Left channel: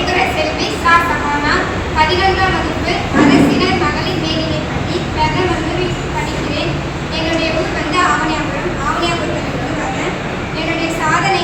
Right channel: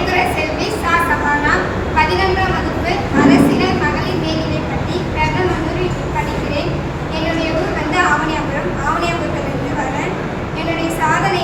உயர்துறை செல்வி சா சஹானா. 11ஆம் வகுப்பு அரசினர் மகளிர் மேல்நிலைப்பள்ளி பெரம்பலூரில் படிக்கிறேன். என்னுடைய ஊர் ஆவணியாபுரம். ஆவணியாபுரத்தில் வரேன். என்னுடைய சாதனை